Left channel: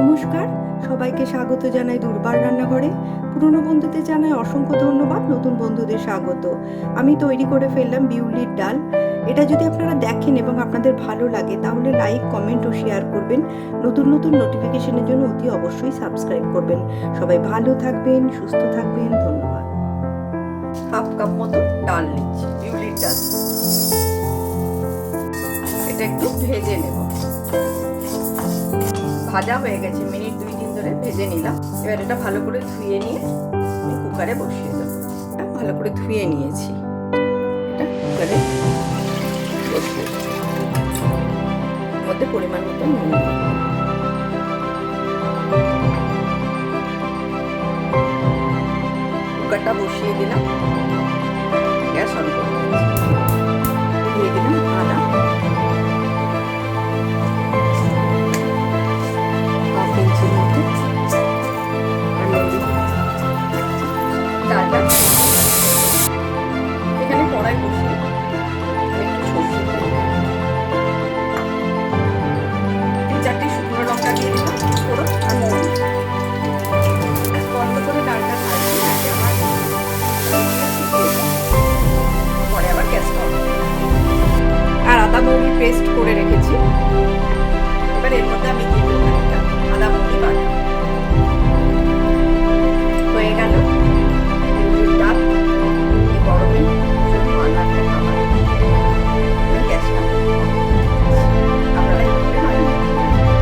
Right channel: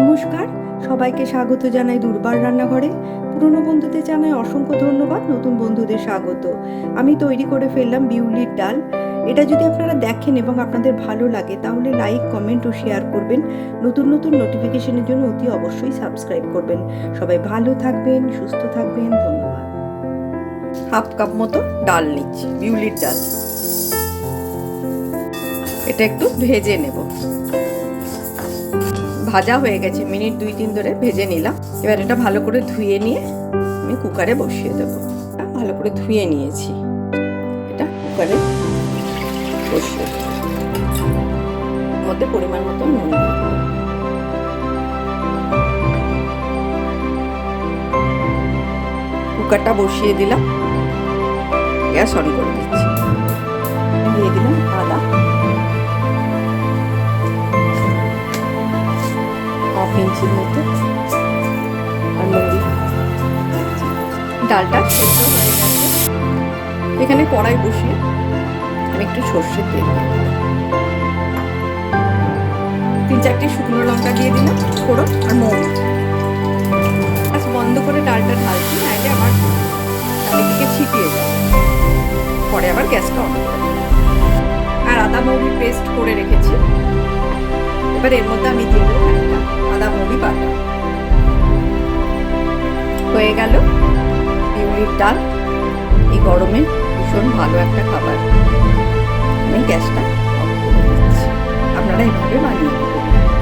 নমস্কার, সবাইকে স্বাগত জানাই দুর্বার রান্নাঘরে। পুরনো বন্ধুদের জানাই অসংখ্য ধন্যবাদ, নতুন বন্ধুদের স্বাগত। আমি তৈরি করে ফেললাম বিউলির ডাল। এটা যদি আপনারা দেখেন এবং আপনাদের ভালো লাগে তাহলে লাইক, কমেন্ট ও শেয়ার করবেন। নতুন নতুন নোটিফিকেশনের জন্য অতি অবশ্যই সাবস্ক্রাইব করবেন। সবাই ভালো থাকবেন, সুস্থ থাকবেন। ধন্যবাদ। হাফ কাপ মতো ডাল নিচ্ছি, বিউলির ডাল। এটা একটু ভেজে নেব। ভাজা হয়ে গেছে, মিনিট 2-3 ধরে ভেজে নিলাম। এবার এটা ভালো করে ধুয়ে নিয়ে আমি কুকারে বসিয়ে দেবো। ভালো করে ধুয়ে নিয়েছি, এটা কুকারে বসিয়ে দেবো। মধ্যে পরিমাণ মতো নুন দিয়ে দেবো। কুকারটা বসিয়ে দিলাম, গ্যাস অন করে দিচ্ছি। দিয়ে দিলাম আদা, হাফ ইঞ্চির মতো, আর মৌরি। ডালটা এখানে কড়াই বসিয়ে একটু সর্ষের তেল, 3-4টে শুকনো লঙ্কা দিয়ে দিলাম, ফোড়ন আর মৌরি। গ্যাস বন্ধ করে ডালটা ঢালছি, নাইলে আমার চারিদিকে ছিটিয়ে যায়। পরে আবার গ্যাসটা অন করে। আর আদা মৌরি পেস্ট করে রেখেছি, এবার এর মধ্যে আমি দিয়ে দেবো একটা আদা মৌরি বাটা। হয়ে গেল বিউলির ডাল। এই গরমে ভীষণ ভালো একটা খাবার। আমি গ্যাসটা আপনারা এইভাবে বানিয়ে।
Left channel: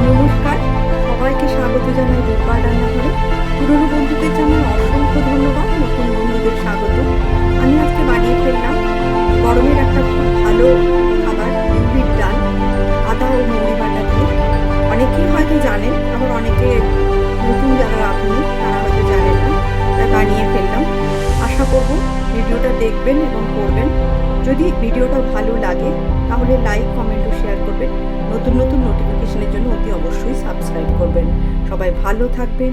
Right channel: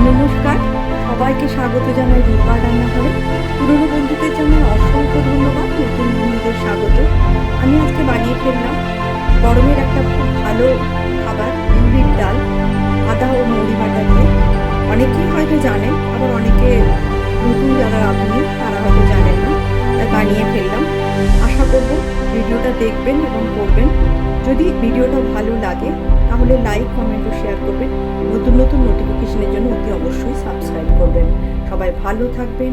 নমস্কার, সবাইকে স্বাগত জানাই দুর্বার রান্নাঘরে। পুরনো বন্ধুদের জানাই অসংখ্য ধন্যবাদ, নতুন বন্ধুদের স্বাগত। আমি আজকে বানিয়ে ফেললাম গরমের একটা খুব ভালো খাবার, বিউলির ডাল আদা ও মৌরি বাটা দিয়ে। অনেকেই হয়তো জানেন, আবার অনেকে নতুন যারা আপনি তারা হয়তো জানেন না, তাই বানিয়ে ফেললাম। আশা করব ভিডিওটা দেখবেন এবং করবেন। যদি ভিডিওটা ভালো লাগে তাহলে লাইক, কমেন্ট ও শেয়ার করবেন। নতুন নতুন নোটিফিকেশনের জন্য অতি অবশ্যই সাবস্ক্রাইব করবেন। সবাই ভালো থাকবেন।